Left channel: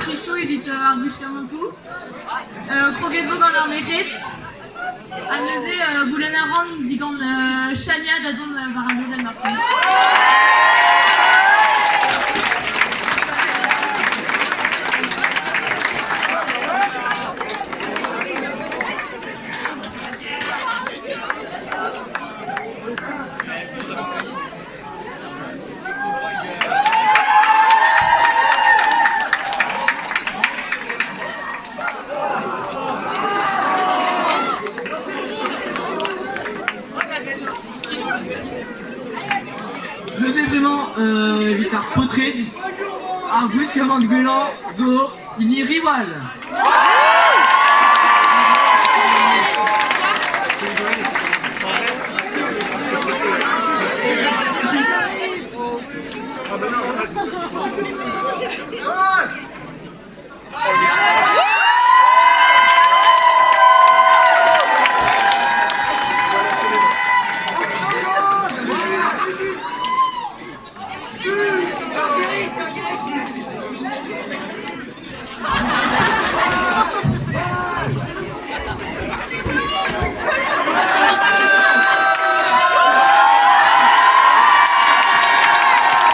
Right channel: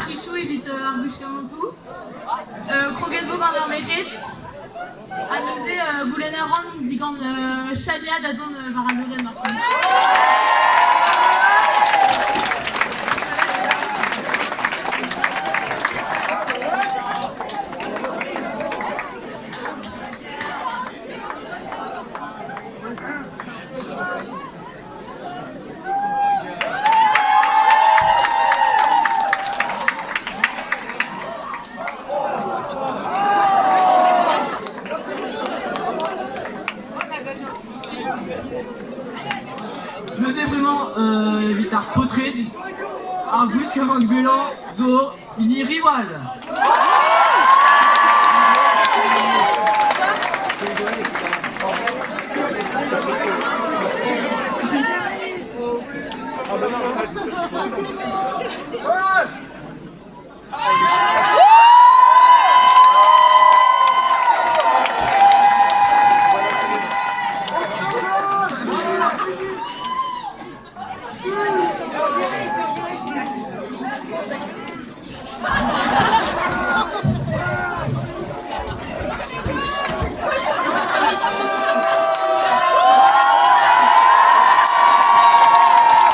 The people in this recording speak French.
Trichou evit ar gwishkamantou. Kroget vo gant ar meket. A neuze goulenn a ran digant Chania da don war a goulenn ar fond. Neuze vraiment evit ar potred ar gwez kavant gwellañ zo ini riwal.